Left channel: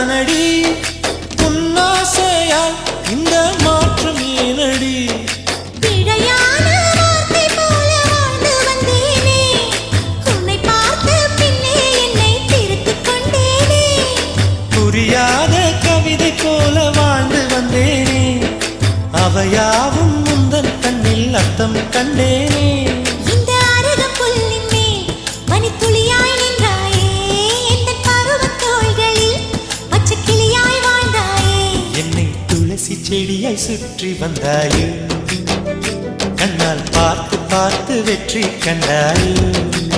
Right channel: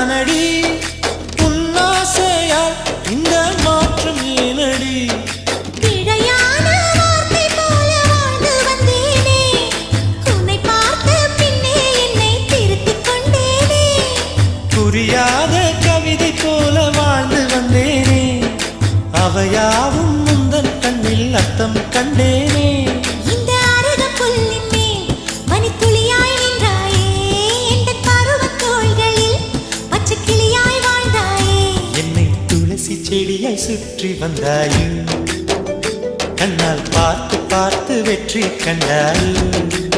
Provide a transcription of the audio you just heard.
தானடி? உன்னாசையால் இந்த மாற்றம் ஏனடி? விழையான வார்த்தை போல வாழ்ந்து வந்தேனே. உன்னை பார்த்து பின்னே என்னை திருத்திக் கொண்டேனே. புரியாத கவிதை போல வாழ்ந்து வந்தேனே. அவையாவும் முந்தன் கண்ணில் அர்த்தம் கண்டேனே. என்னை துளசி செடியாய் சுற்றி வந்தாயோ. கண்ணால் பார்த்து பார்த்து வெற்றி கண்டாயோ.